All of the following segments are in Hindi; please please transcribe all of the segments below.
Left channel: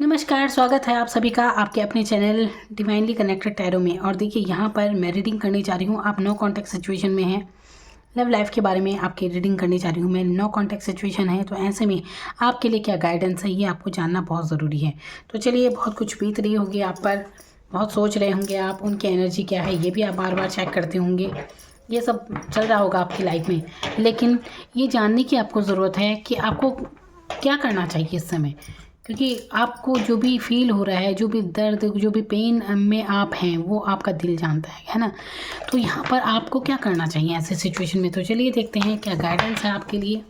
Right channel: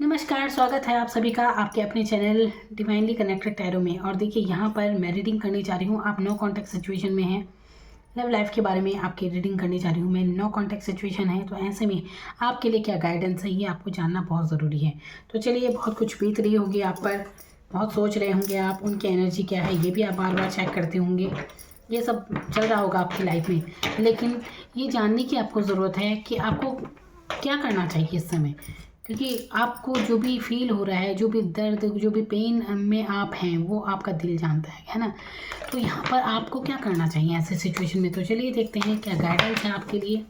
नमस्कार, स्वागत है आप सभी का आपके अपने चैनल डिवाइनली कनेक्टेड टैरो में। और देखिए यहाँ पर मैं रीडिंग करने जा रही हूँ। आप नो कॉन्टैक्ट सिचुएशन में हैं, लव लाइफ के बारे में आपकी रीडिंग करने जा रही हूँ मैं। नो कॉन्टैक्ट सिचुएशन है तो ऐसे में आपके लिए क्या गाइडेंस है ये आपको जानना बहुत ज़रूरी है। तो चलिए, बहुत कुछ बीत रही होगी आप पर, बहुत सोच रहे होंगे आप, उनकी एनर्जी क्या है ये भी आप बार बार चेक करते होंगे। ये सब चल रहा होगा आपकी लाइफ में, लेकिन ये जानने की आपको ज़रूरत है कि आपको क्या करना चाहिए इस समय। क्योंकि आपको जो भी फील हो रहा है, जो भी दर्द, जो भी पेन में आप हैं, वो आपका दिल जानता है ना। तो यहाँ पर आपको क्या करना चाहिए ऐसे सिचुएशन में। तो चलिए देखते हैं क्या गाइडेंस है आपके लिए।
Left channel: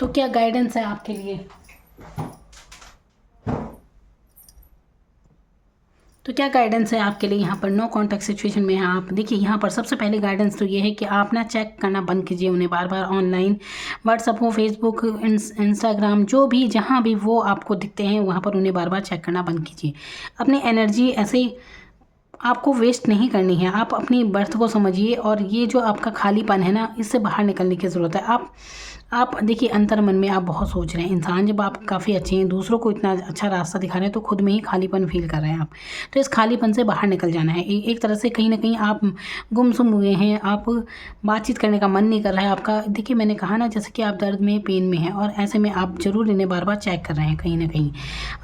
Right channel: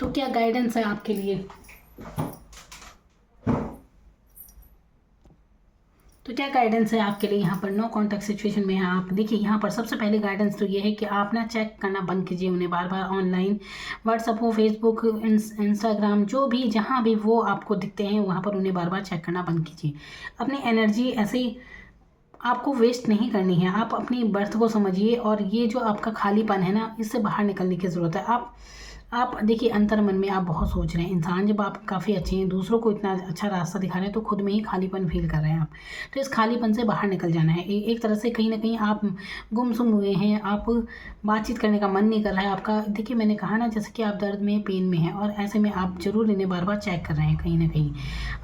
तो क्या गाइडेंस है आपके लिए। तो क्या गाइडेंस है आपके लिए यहाँ पर नो कॉन्टैक्ट सिचुएशन में है आप। देखिए यहाँ पर सबसे पहले गाइडेंस तो ये है कि आप ना चेक करना बंद कीजिए उन्हें बार बार ऑनलाइन। व्हाट्सअप हो, फेसबुक, इंस्टाग्राम, जो भी जहाँ भी वो आपको दिखते हैं वहाँ पर उन्हें बार बार चेक करना बंद कीजिए। अपनी एनर्जी ऐसे आपको वेस्ट नहीं करनी है। आप अपनी बर्थ को समझिए और ये जो आपका खालीपन है ना, इससे बाहर निकलने की ज़रूरत है। आप देखिए, अंतर मन में आप बहुत सोच रहे हैं। इंसान जब आप काफ़ी अच्छे हैं, दूसरों को इतना अच्छा रास्ता दिखा रहे हैं, तो खुद में ही खालीपन फील कर रहे हैं आप। तो इस खालीपन से बाहर निकल जाना है। एक तरह से कहीं ना कहीं आप गुमसुम हुए हैं। आप बातचीत करने का मन नहीं कर रहा है आपका। देखिए मैंने कहा ना, जैसे कि आप दर्द में, पेन में हैं, और ऐसे में आप ज़रूर इन्हें बार बार चेक कर रहे हैं। कहीं ना कहीं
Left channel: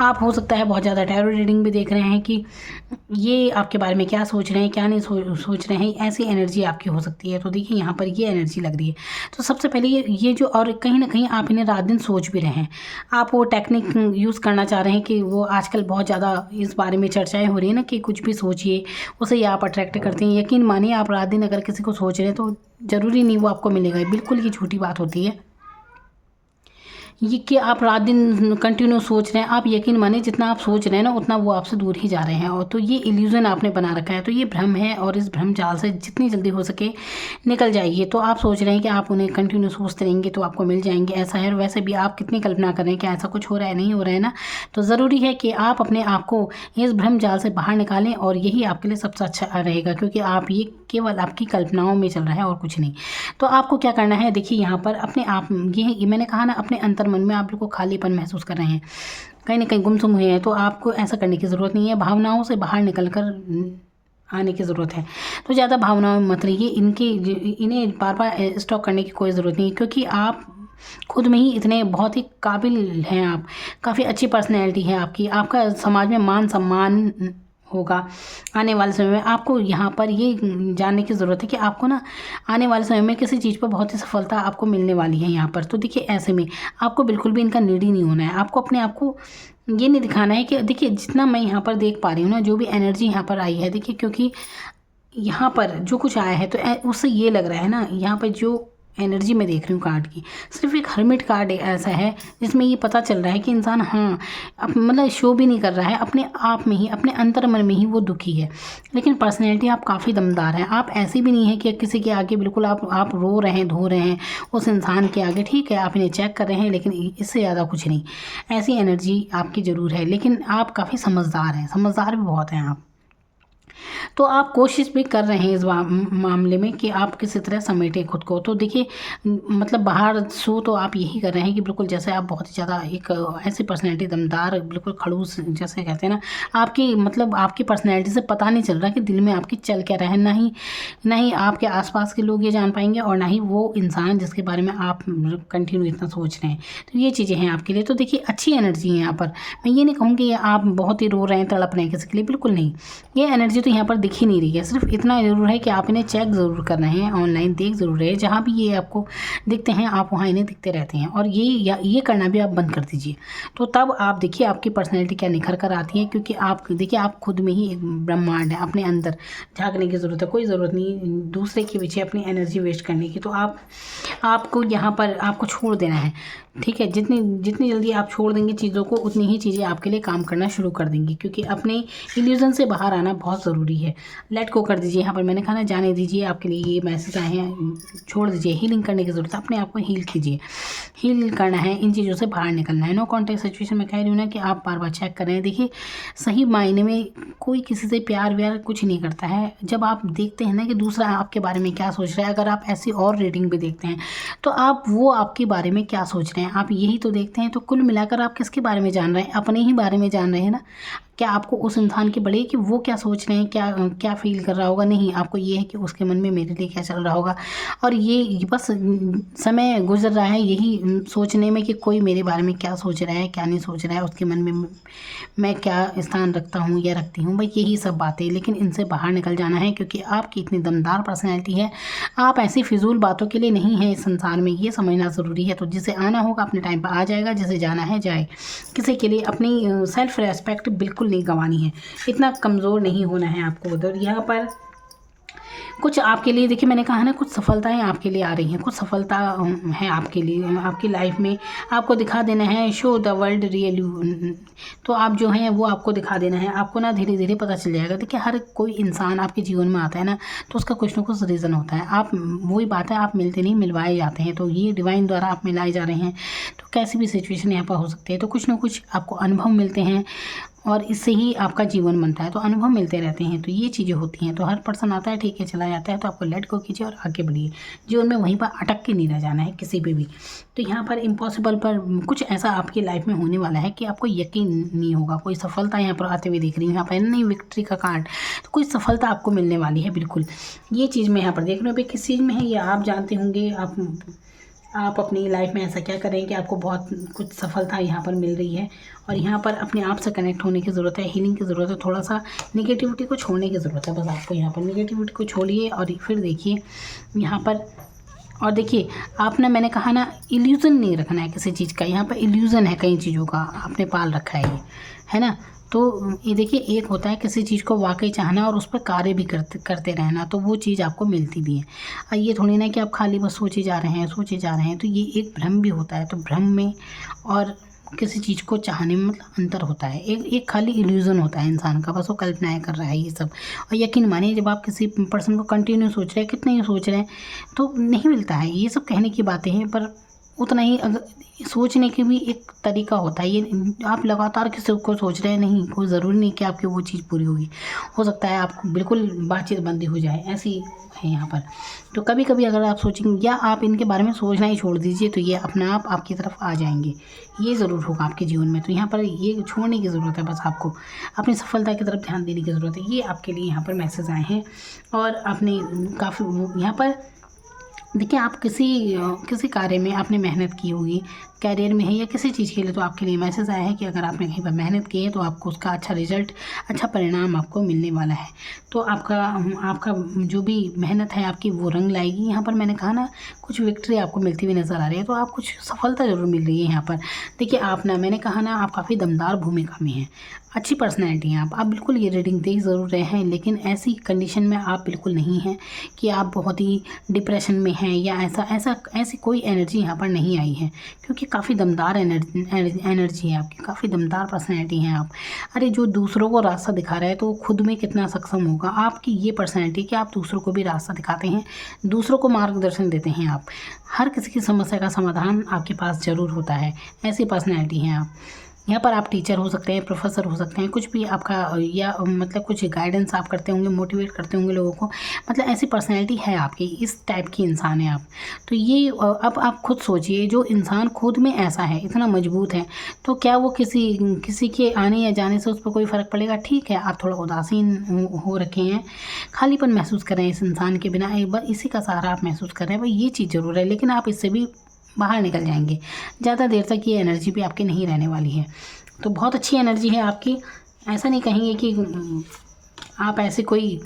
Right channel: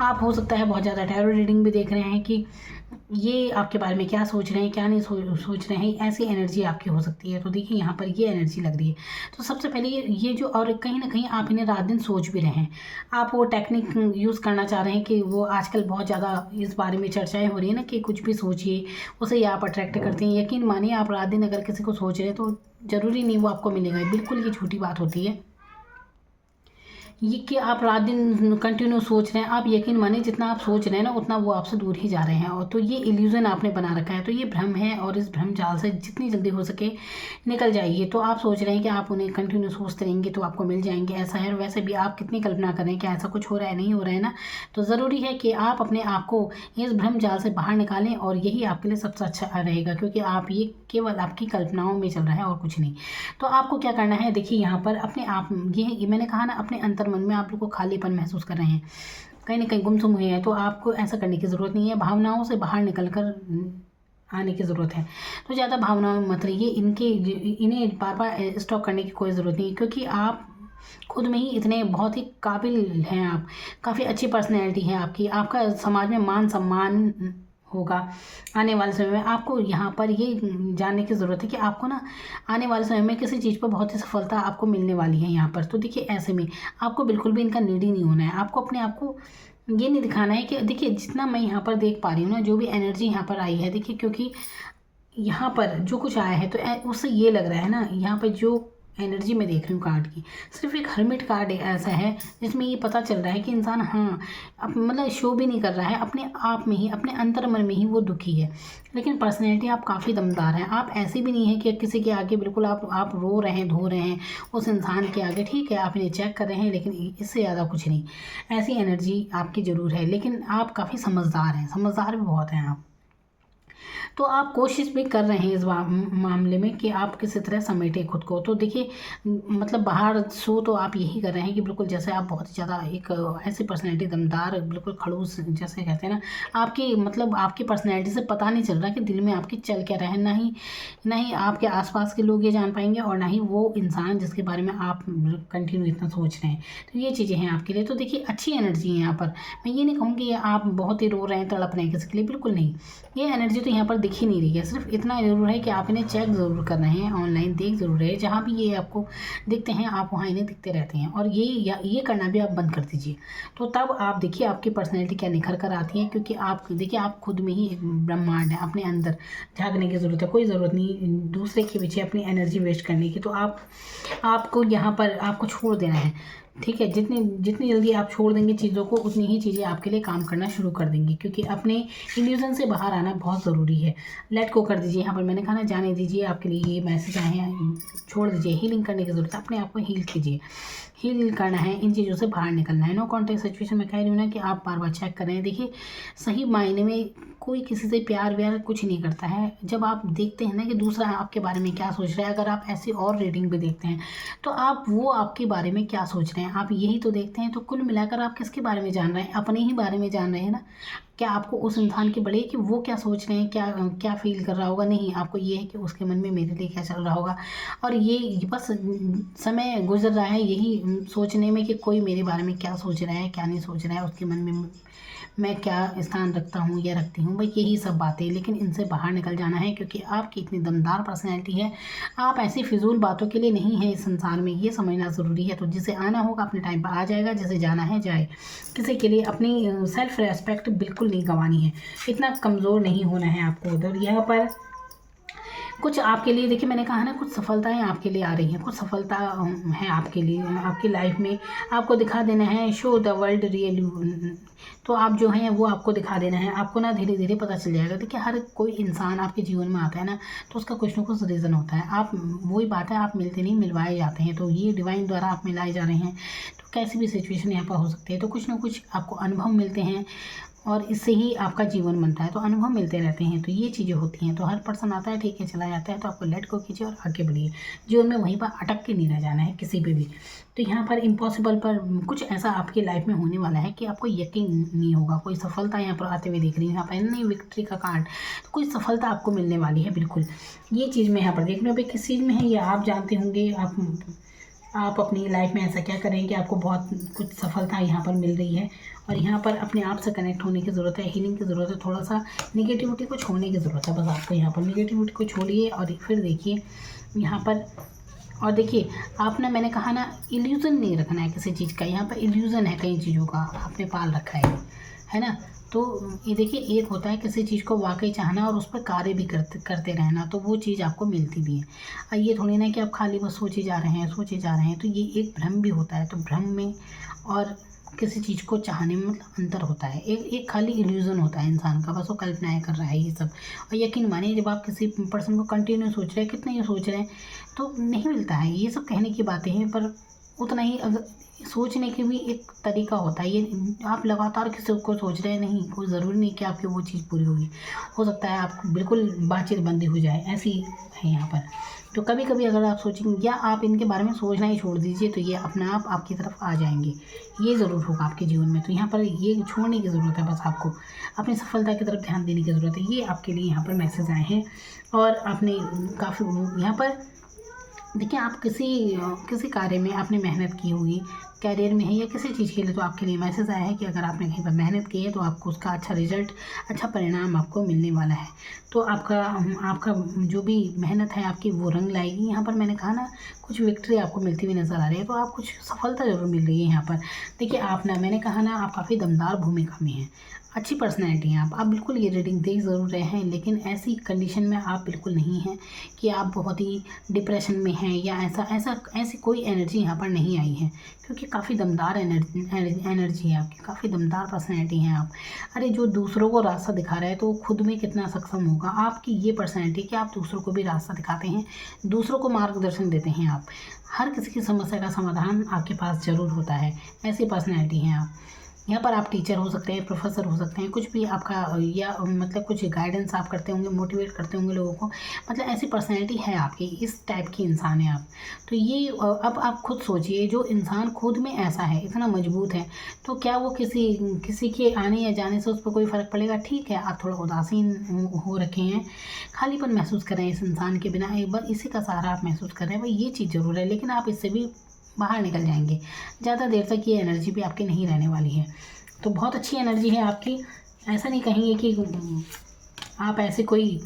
आप हो सकता है बहुत ज़्यादा टैरो रीडिंग भी देख रहे हैं कि ये आपके बारे में क्या सोच रहे हैं, क्या नहीं सोच रहे हैं। ऐसी एनर्जी आपकी हो सकती है। तो देखिए यहाँ पर ये एनर्जी लग रही है। तो सबसे पहले ये जो, और कहीं ना कहीं आप इन्हें रात दिन सोच भी रहे हैं। आप वो टेक्निक यूज़ करना चाह रहे हैं कि वो आजकल बहुत ज़्यादा इस बारे में चर्चाएं हो रही है ना, कि कुछ भी सोचिए उसे ही आप अट्रैक्ट करते हैं। यकीन मानिए, आप रात दिन अगर किसी को सोच रहे हैं तो ज़रूरी नहीं वो आपको मिलेगा। बिल्कुल ये झूठी बात होती है ये कि आप रात दिन कंटिन्यू सोच रहे हैं। आप यकीन मानिए, जितना आप सोच रहे हैं ना, उतना वो आपसे दूर ही जा रहे हैं। और तो ये इल्यूज़न आपने बना रखा है। तो ये भ्रम है, और इस भ्रम जाल से जितनी जल्दी हो सके निकल जाइए। तो आप सोच रहे हैं कि आप उन्हें कंटिन्यू सोचते रहेंगे तो आपको मिल जाएंगे, ऐसा है। और वैसे भी आप कितनी कल्पना कर रहे हैं कि ऐसा कुछ हो रहा है, नहीं हो रहा है ना। तो ज़रूरी है कि आप अपने आप को इस भ्रम जाल से बाहर निकालें, और यही आपके लिए सबसे अच्छा रहेगा, क्योंकि आप ये केवल आपकी कल्पनाओं में चल रहा है और कुछ नहीं। तो आपको क्या करना है, देखिए यहाँ पर अपने आप, ये मैंने कहा ना, अपने अंतर मन में आप लोग को खालीपन महसूस कर रहे हैं, कहीं ना कहीं गुमसुम हुए हैं। तो आपको ऐसा करने की ज़रूरत नहीं है। भावनाओं से बाहर निकल कर आने की ज़रूरत है। तो ज़्यादा भावनाओं में मत रहिए। इन्हें बार बार स्टॉक करने की कोई ज़रूरत नहीं है, क्योंकि आप खुद में ही इतने बहुत ही काबिल हैं। आप काफ़ी अच्छी पर्सनैलिटी है आपकी। आपका समाज में मान सम्मान होगा आने वाले समय में। आपको यहाँ पर ये जानने की ज़रूरत है कि आपको ना आने वाले समय में किसी चीज़ पर बहुत ही सफलता आपको मिलने वाली है यहाँ पर। तो देखिए ऐसे में आपको बिल्कुल भी इनका नीडी नहीं होना है। आपको अपने आप को ये नहीं दिखाना है कि, देखिए जितना मैं यहाँ पर देख पा रही हूँ ना, जो भी एनर्जी यहाँ पर आई है, देखिए क्योंकि यहाँ पर जो कुछ आया है तो उससे ये लग रहा है ना, यहाँ पर जो एनर्जी मैं देख रही हूँ कार्ड की, सिर्फ एक हर्मिट कार्ड ऐसा है जिसमें ये पता चल रहा है कि इंसान हाँ मतलब शो भी नहीं कर रहा है, अपने आप में ही, अपने अंतर मन में ही वो दुखी है। लेकिन पर्सनैलिटी आप काफ़ी दमदार हैं। आप ऐसी भी नहीं है कि किसी के आगे बिल्कुल आप रो रहे हैं, धो रहे हैं उस इंसान के आगे, ठीक है आप इन्हें चेक कर रहे हैं लेकिन इससे ज़्यादा कुछ नहीं। ऐसी एनर्जी आपकी ज़रूर है, लेकिन आप काफ़ी समझदार हैं, समझदार भी बहुत हैं आप। तो आप कोशिश भी कर रहे हैं इस मामले में कि आप किसी तरह समेटें खुद को। तो देखिए मतलब बाहर शो तो आप यही कर रहे हैं कि बिल्कुल जैसे आप बहुत ही ज़्यादा एक ऐसी पर्सनैलिटी दमदार, बिल्कुल खड़ूस जैसे कहते हैं ना, आपकी मतलब आपकी पर्सनैलिटी से पता नहीं चल रहा कि दिल में आपकी चल क्या रहा है। ना ही आपके आसपास के लोग ये जान पाएंगे और ना ही वो इंसान जिसके बारे में आप कंटिन्यू इतना सोच रहे हैं। तो ये चीज़ें हैं आपके लिए। तो देखिए अच्छी एनर्जी है यहाँ पर। मैं ये नहीं कहूँगी आप बहुत ही रो रहे हैं, तड़प रहे हैं किसी के लिए, बिल्कुल नहीं। ये एनर्जी तो यहाँ पर दिख ही नहीं रही है। सिर्फ इतना ज़रूर है कि आप इन्हें चेक ज़रूर कर रहे हैं, ऑनलाइन देख ज़रूर रहे हैं। जहाँ भी ये आपको दिखते हैं आप वहाँ इन्हें दिखते रहते हैं, और ये करना भी आप बंद कर दीजिए। तो तब आप देखिए आपकी पर्सनैलिटी क्या निखर कर आती है, क्योंकि आप देखिए आप खुद में ही एक ब्रह्मांड है। अपने अंदर झाँकने की ज़रूरत है, कोई ज़रूरत नहीं दूसरे के पीछे अपनी एनर्जी वेस्ट करने की। तो आपको यहाँ पर आपको छोड़ देना है, ठीक है। जितनी जल्दी आप छोड़ देंगे चीज़ों को, उतनी ही चीज़ें आपके लिए काम करना शुरू कर देंगी, क्योंकि अपने इल्यूज़न से बाहर आना बहुत ज़रूरी है। लेट को कर दीजिए। यहाँ पर मैंने कहा ना, जाने दीजिए। आपके लिए ये मैसेज आए हैं, छोड़ दीजिए। हीलिंग करने की ज़रूरत है, अपने आप को हील कीजिए। हील करना है, इन चीज़ों से बाहर निकलना है। नो कॉन्टैक्ट सिचुएशन में कह रही हूँ ना कि आप बार बार चेक कर रहे हैं। देखिए सही मायने में कोई किसी से प्यार व्यार कुछ नहीं करता है। जब आप देखते हैं ना कि दूसरा आपके बारे में क्या सोच रहा है, अगर आप ऐसी और रीडिंग भी देखते हैं तो आप वो आपके बारे में क्या सोच रहे हैं आप यही तो देखते हैं। तो कुल मिलाकर आप किसके बारे में जान रहे हैं? अपने ही बारे में जान रहे हैं ना। क्या आपको उस इंसान की बड़ी है कि वो क्या सोच रहे हैं, क्या फ़ील कर रहा होगा? नहीं, आपको ये है कि उसके मन में मेरे लिए क्या चल रहा होगा। और ये बस समय गुजर रहा है यही सोचने में कि कोई मेरे बारे में क्या सोच रहा है, क्या नहीं सोच रहा है, उसके मन में मैं क्या स्थान रखता हूँ या रखती हूँ, भाई यही सब बातें। लेकिन इनसे बाहर निकल जाना है, क्योंकि आपकी इतनी दमदार पर्सनैलिटी है। आप ऐसी फिजूल बातों के लिए नहीं है इस संसार में, ये समझना ज़रूरी है। तो जिसे आना होगा अपने टाइम पर आ जाएगा, जिसे जाना है जाए। किसी के लिए अपनी सेल्फ रेस्पेक्ट बिल्कुल नहीं गंवानी है, इतना कमज़ोर नहीं होना है आपको उधर। यहाँ पर कुछ आपके लिए देखिए, मैंने कहा ना कुछ सफलताएं आपके लिए आ रही हैं, कुछ सफलता है आपके लिए, आपकी लाइफ में आपको दिखा देना है। Show the world real you. तो आप जो हैं वो आपको दिखा देना है। आपको ना धीरे धीरे पता चल जाएगा। देखिए हर कोई इंसान आपके जीवन में आता है ना, तो उसका कुछ ना कुछ रीज़न होता है। आप वही बात है, आप मिलते नहीं, मिलवाए जाते हैं। तो ये डिवाइन द्वारा आप मिलाए जा रहे हैं। तो कैसी भी सिचुएशन यहाँ पर हो सकती है। तो कुछ ना कुछ आपको अनुभव मिलते हैं, और इससे ही आपका जीवन बनता है। तो अनुभव मिलते रहते हैं, तो ये चीज़ें होती हैं। तो हर पर्सन आता है, ठीक है, चला जाता है। तो आपको लेट गो कीजिए और आगे बढ़िए। जीवन में वहीं पर अटक के नहीं रह जाना है किसी पे भी। तो यहाँ पर इम्पॉसिबल पर कुछ ऐसा आपकी लाइफ में होने वाला है कि आपको यकीन नहीं होगा। कोई सफलता यहाँ पर आते हुए दिख रही है, यहाँ पर नहीं विक्ट्री का कार्ड। तो कोई सफलता आपको मिलने वाली है, बिल्कुल। ये चीज़ मैं यहाँ पर देख रही हूँ। अभी किस चीज़ में है ये आप जानते होंगे। आप अपनी लाइफ में ऐसा क्या करें कि आपको बहुत कुछ सफलता यहाँ पर मिल रही है। और यहाँ पर अपने आप से कनेक्ट होने की ज़रूरत है, हीलिंग की ज़रूरत है, थोड़ा सा निगेटिविटी को छोड़ने की ज़रूरत है। बस आपको यहाँ पर निगेटिविटी को छोड़िए और फिर देखिए यहाँ पर। और देखिए आप ना, मैंने कहा ना, इल्यूज़न नहीं रखना है किसी चीज़ का। यहाँ पर इल्यूज़न है कई चीज़ों का, आपने पाल रखा है ये, है ना। तो ये देखिए, एक होता है किसी चीज़ को वाकई चाहना और उस पर कार्य भी करते रहना, तो वो चीज़ आपको मिलती भी है। और ये थोड़ी ना कि आप खाली बस सोचे जा रहे हैं, सोचे जा रहे हैं। तो ये एक भ्रम भी होता है। तो भ्रम में और किसी चीज़ को चाहने में मतलब अंतर होता है। एक खाली इल्यूज़न होता है इंसान का, बस वो कल्पनाएँ कर रहा है ये सब। और यकीन मानिए, जब आप किसी पर्सन को कंटिन्यू सोच रहे हैं, कितने ही सोच रहे हैं, तो नहीं मिलता है। ये सब कहने की बातें हैं, पर उतना ही अगर सोचने की भी एक तरीका होता है। ये आप लगातार किसी को सोच रहे हैं, नहीं, कोई ज़रूरी नहीं कि आपकी वो चीज़ पूरी होगी। हो सकता है आपको बिल्कुल बातचीत बंद ही हो जाए, ऐसी है यहाँ पर। तो कभी कभी अगर आप सोचेंगे या आप इनके बारे में सोचना ही छोड़ दीजिए, तो ये अपने आप आपकी तरफ आ जाएंगे। ये ज़रूर होगा आपके जीवन में। तो यहाँ पर ये छोड़ने की ज़रूरत है, बस आपको अपनी सफलता की तरफ ध्यान देने की ज़रूरत है। ये आपके लिए यहाँ पर मैसेज आए हैं। और आपने काफ़ी यहाँ पर देखिए, आप किसी कार्य में आपने मेहनत की होगी, कैरियर में है या किसी चीज़ के लिए, तो आपके लिए मैसेज आया है कि अगर आपने कहीं पर मेहनत की है तो आपको उसका अच्छा रिजल्ट, अच्छा परिणाम आपको मिलने वाला है। तो आपका जो भी मेहनत है आपकी, वो रंग लाएगी। यहाँ पर मैंने कहा ना, कुछ विक्ट्री आपको मिलती हुई नज़र आ रही है। तो आप कुछ सफलता ज़रूर मिल रही है यहाँ पर। देखिए आप ना, मैंने कहा ना, आप काफ़ी दमदार भूमिका में हैं, अच्छी पर्सनैलिटी हैं आप बिल्कुल ये रीडिंग देख ज़रूर रहे हैं। लेकिन ऐसी कंडीशन में आप बिल्कुल नहीं हैं कि आप बहुत ही डिप्रेशन में हैं हैं या ऐसी कोई एनर्जी यहाँ पर नहीं आई है, क्योंकि काफ़ी दमदार एनर्जी है आपकी, काफ़ी दमदार पर्सनैलिटी हैं आप। अरे जो दूसरों को रास्ता दिखा रहा है तो खुद में कितना सक्षम होगा। आपकी ये पर्सनैलिटी कि आप दूसरों को भी रास्ता दिखाते हैं, दूसरों को मार्गदर्शन देते हैं आप। हर किसी की समस्या का समाधान आपके पास ज़रूर होता है, ऐसी पर्सनैलिटी हैं आप। यहाँ पर आप टीचर हो सकते हैं, प्रोफेसर हो सकते हैं, कुछ भी आपका, या मतलब कुछ गाइडेंस आप करते होंगे, मोटिवेट करते होंगे लोगों को, मतलब ऐसी पर्सनैलिटी है आपकी, इस टाइप की इंसान है आप। तो ये अब आप खुद सोचिए, जो इंसान खुद में ऐसा है, इतना मजबूत है, तो क्या वो किसी के आने या जाने से उस पर कोई फ़र्क पड़ेगा? ठीक है, आप थोड़ा उदासीन हो रखे हैं, खालीपन महसूस कर रहे हैं इस इंसान के बिना, एक बार इसी का सहारा आप महसूस कर रहे हैं, भाई ये चीज़ ज़रूर है, लेकिन आप इससे भी बाहर निकल जाएंगे। ज़्यादा देर तक ये एनर्जी भी आपकी नहीं रहने वाली है। तो बहुत अच्छी एनर्जी है आपकी। ऐसा नहीं कहेंगे कि आप ऐसे कोई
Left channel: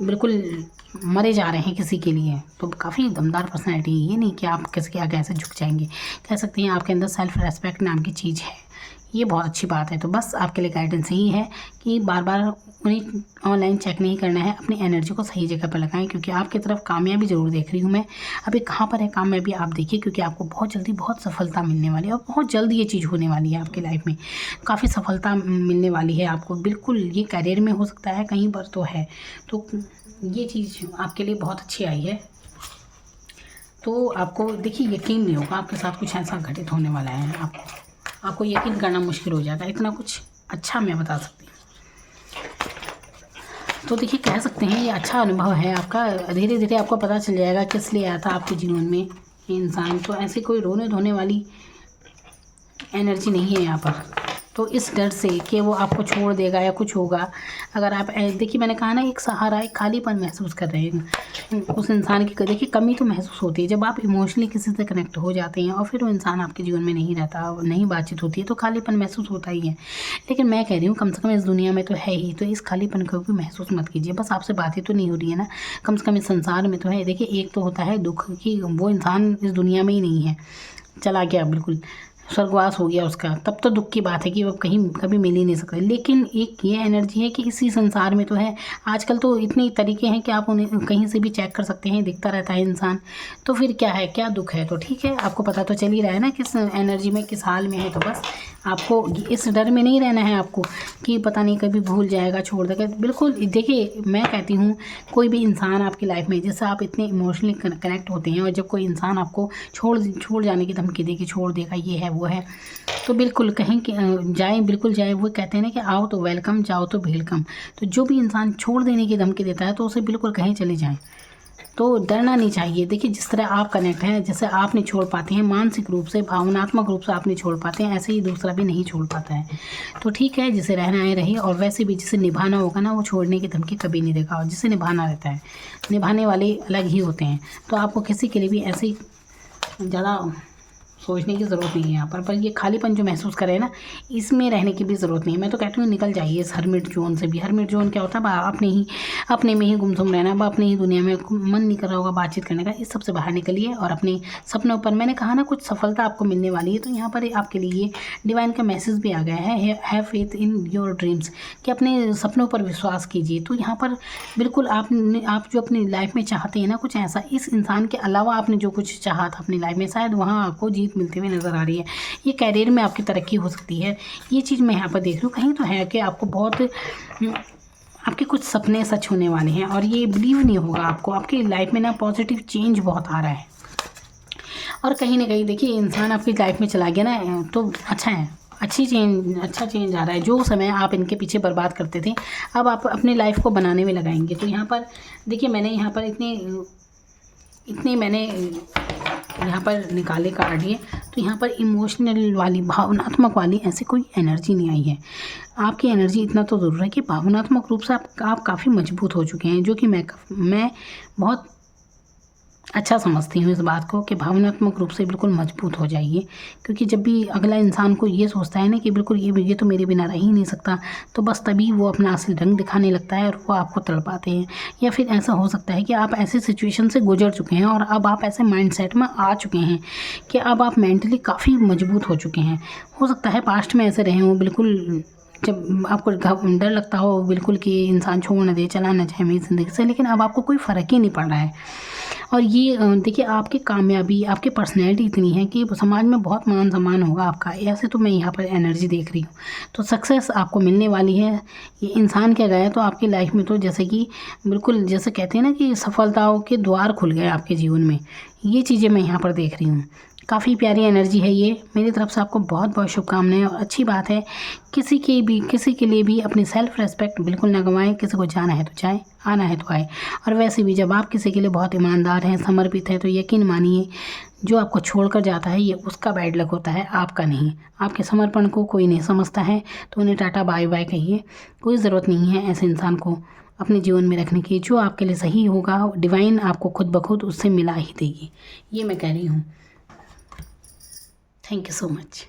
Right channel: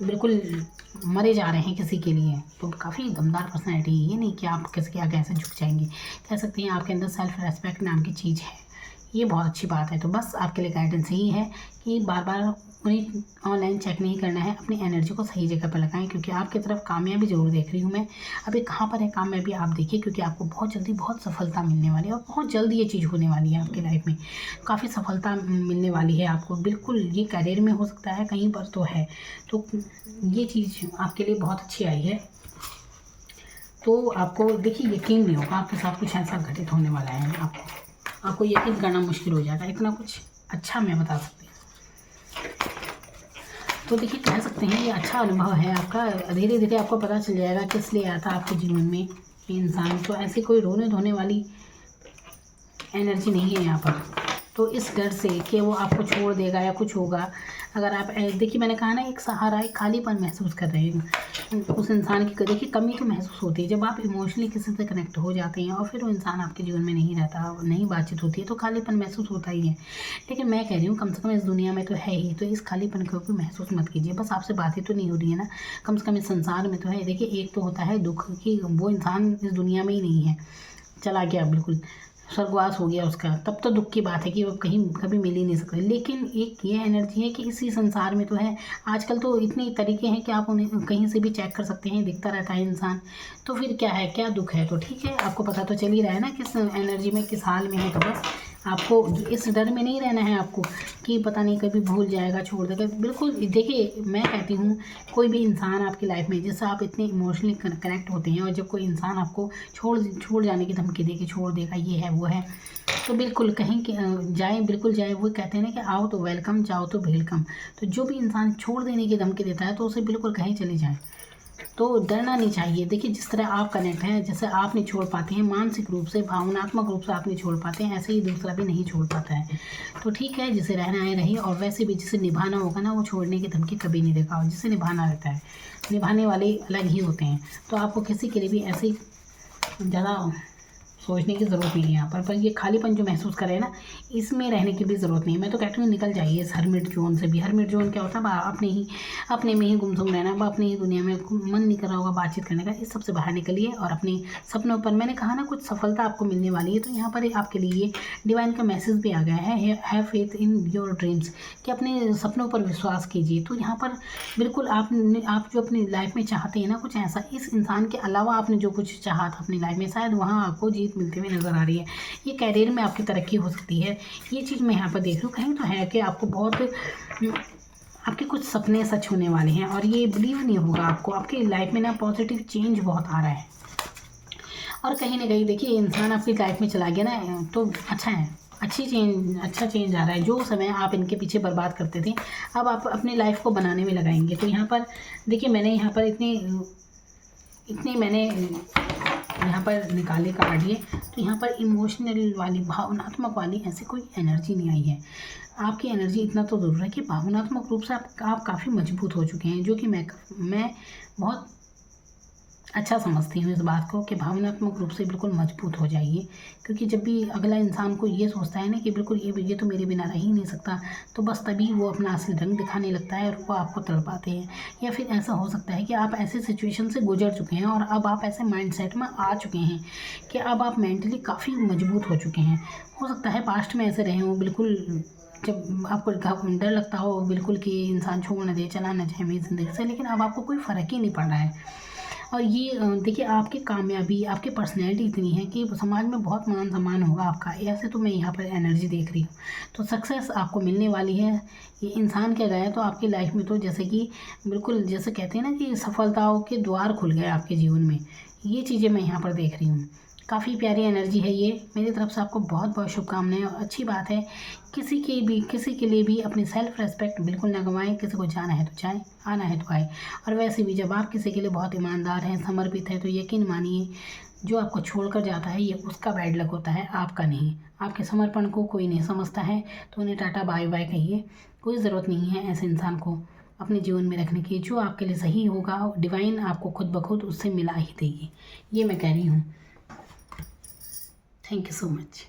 बिल्कुल मरे जा रहे हैं किसी के लिए, तो काफ़ी दमदार पर्सनैलिटी है। ये नहीं कि आप किसी के आगे ऐसे झुक जाएंगे, कह सकते हैं आपके अंदर सेल्फ रेस्पेक्ट नाम की चीज़ है, ये बहुत अच्छी बात है। तो बस आपके लिए गाइडेंस यही है कि बार बार उन्हें ऑनलाइन चेक नहीं करना है, अपनी एनर्जी को सही जगह पर लगाएं, क्योंकि आपकी तरफ कामयाबी ज़रूर देख रही हूँ मैं। अभी कहाँ पर है कामयाबी आप देखिए, क्योंकि आपको बहुत जल्दी बहुत सफलता मिलने वाली है, और बहुत जल्दी ये चीज़ होने वाली है आपकी लाइफ में, काफ़ी सफलता मिलने वाली है आपको। बिल्कुल ये करियर में हो सकता है, कहीं पर तो है, तो ये चीज़ आपके लिए बहुत अच्छी आई है। तो आपको देखिए यकीन नहीं होगा आपके साथ कुछ ऐसा घटित होने वाला है, आपको यकीन करना मुश्किल हो जाएगा, इतना कुछ अच्छा मैं बता सकती हूँ। तो देखिए कह सकते हैं ये अच्छा अनुभव है आपका, धीरे धीरे आपको पता चल जाएगा किस लिए आया था आपके जीवन में ये इंसान। तो ऐसी कोई रोने धोने वाली एनर्जी नहीं है यहाँ पर। तो इस डर से कि वो आपको छोड़ देगा या कुछ होगा, अगर आप देखिए मैंने कहा ना, एक सहारा, एक खालीपन महसूस कर रहे हैं उस इंसान की। देखिए कमी तो महसूस होती है जब आप इमोशनली किसी से कनेक्ट हो जाते हैं और फिर वो इंसान आपके जीवन में नहीं रहता, नहीं बातचीत होती है, तो खालीपन महसूस होता ही है। लेकिन मैं कह रही हूँ कम से कम इस दुनिया में तो है ही, तो इस खालीपन को भी महसूस मत कीजिए। बस आपसे बातें तो नहीं हो रही है ना, कम से कम इस संसार में तो है। देखिए एक तो होता है दुख कि वो इंसान इस दुनिया में ही नहीं है, चला गया, बिल्कुल स्वर्गवास हो गया उसका, तब तो दुख की बात है कि वो कहीं कभी मिल ही नहीं सकते। लेकिन एक ये एनर्जी है कि इसी संसार में तो है। आजकल तो इतने तरीके हैं कि आप उन्हें कहीं से भी चेक कर सकते हैं, दिखता रहता है इंसान, तो फिर क्या है, क्या दुख है? तो ठीक है, आपको पता तो चल ही रहा है ना किस एनर्जी में, किस हाल में है। तो बस आपको इस डर में नहीं रहना है आपको कि पता नहीं कभी भूल जाएगा, छोड़ देगा। बिल्कुल देखिए मैं कहती हूँ कोई भी इंसान आपकी लाइफ में, जिससे आप इतने इमोशनली कनेक्ट होते हैं, और जब कोई इंसान आपको छोड़ जाने की धमकी दे कि छोड़ देगा, ये है वो है, तो बिल्कुल कहीं जाए, बिल्कुल जाए। वो कहते हैं ना कि आओ तो वेलकम, जाओ तो वेलकम। तो जो भी इंसान छोड़ देने की धमकी देता है तो उसे बिल्कुल कहीं चले जाएं, तो डरना नहीं चाहिए। देखिए जिस तरह आप कनेक्ट हैं, जैसे आप नहीं छोड़ पाते हैं मानसिक रूप से, भावनात्मक रूप से आप नहीं छोड़ पाते हैं, ऐसे ही दूसरा भी नहीं छोड़ पाता है। तो ठीक है, जिसे रहना है रही, और वैसे भी जिसे निभाना होगा ना, वो छोड़ने की धमकी कभी नहीं देगा, और जिसे निभाना रहता है, निभाने वाले अलग ही होते हैं। तो आपको किसी के लिए भी ऐसे ही ज़्यादा सोचने की ज़रूरत नहीं है यहाँ पर ये खालीपन जो महसूस करें ना, इसमें रहने की भी ज़रूरत नहीं है। मैं तो कहती हूँ निकल जाइए इस हरमिट जोन से भी। हरमिट जोन क्या होता है? अपने में ही गुमसुम रहना, अपनी ही दुनिया में, मन नहीं कर रहा होगा बातचीत करने का, इस सबसे बाहर निकलिए और अपने सपनों पर, मैंने कहा ना कुछ सफलता आपको मिलने वाली है। तो यहाँ पर आपके लिए डिवाइन का मैसेज भी आ गया है, have faith in your dreams, कि अपने सपनों पर विश्वास कीजिए। तो यहाँ पर बिल्कुल आप जो अपनी लाइफ में चाहते हैं ना कुछ ऐसा, इस इंसान के अलावा आपने जो कुछ चाहा था अपनी लाइफ में, शायद वहाँ आपको जीत मिलती हुई नज़र आ रही है। ये करियर में आपकी तरक्की हो सकती है, ये चीज़ मैं यहाँ पर देख रही हूँ। कहीं तो है कि आपको बहुत आपके कुछ सपने सच होने वाले हैं, और ये बिलीव नहीं होगा आपको, आपकी लाइफ में ना पॉजिटिव चेंज बहुत आ रहा है। और कहीं ना कहीं देखिए इंसान आपकी लाइफ में चला गया ना, तो अच्छा है, अच्छा चेंज आ रहा है। जो समय आप इनके पीछे बर्बाद करते थे, अब आप अपनी लाइफ को बनाने में लगाएंगे। तो यहाँ पर देखिए मैंने यहाँ पर इतने मैंने यहाँ पर निकाले कार्ड ये, तो यहाँ पर इमोशनल वाली, भावनात्मक वाली ऐसी कोई एनर्जी नहीं आई है। आपकी एनर्जी इतना तो ज़रूर है कि भावनात्मक रूप से आप काफ़ी मजबूत हो चुके हैं, जो कि मैं बहुत अच्छा समझती हूँ इस बात को कि भावनात्मक रूप से बिल्कुल मजबूत हो जाइए। क्योंकि जब भी अगला इंसान को ये सोचता है ना कि बिल्कुल ये तो मेरे बिना रह ही नहीं सकता, तो बस तभी वो अपना असली रंग दिखाने लगता है और वो आपको तड़पाते हैं। या फिर ऐसा हो सकता है कि आप ऐसे सिचुएशन से गुजर चुके हैं और अब आप ऐसे माइंडसेट में आ चुके हैं कि अब आप मेंटली काफ़ी मजबूत हो चुके हैं। हो सकता है पास्ट में ऐसे रहे हों, बिल्कुल जब आपको डर लगता हो बिल्कुल कि इंसान छोड़ न दे, चला न जाए मेरी ज़िंदगी से, लेकिन अब आपको कोई फ़र्क ही नहीं पड़ रहा है। और ये देखिए आपकी कामयाबी, आपकी पर्सनैलिटी इतनी है कि समाज में बहुत मान सम्मान होगा आपका, ऐसे तो मैं यहाँ पर एनर्जी देख रही हूँ। तो सक्सेस आपको मिलने वाली है। ये इंसान क्या गया तो आपकी लाइफ में तो जैसे कि बिल्कुल जैसे कहते हैं ना कि सफलताओं के द्वार खुल गए आपके जीवन में, ये चीज़ें मैं यहाँ पर देख रही हूँ। काफ़ी प्यारी एनर्जी है ये। मेरी तरफ से आपको बहुत बहुत शुभकामनाएं। और अच्छी बात है, किसी के लिए भी अपनी सेल्फ रेस्पेक्ट बिल्कुल ना गंवाएं। किसी को जाना है तो जाए, आना है तो आए। और वैसे भी जब आप किसी के लिए बहुत ईमानदार हैं, समर्पित हैं, तो यकीन मानिए जो आपको छोड़कर जाता है ये उसका बैड लक होता है, आपका नहीं। आपके समर्पण को कोई नहीं समझता है तो उन्हें टाटा बाय बाय कहिए। कोई ज़रूरत नहीं है ऐसे इंसान को अपने जीवन में रखने की। जो आपके लिए सही होगा डिवाइन आपको खुद ब खुद उससे मिला ही देगी, ये मैं कह रही हूँ। Thank you so much.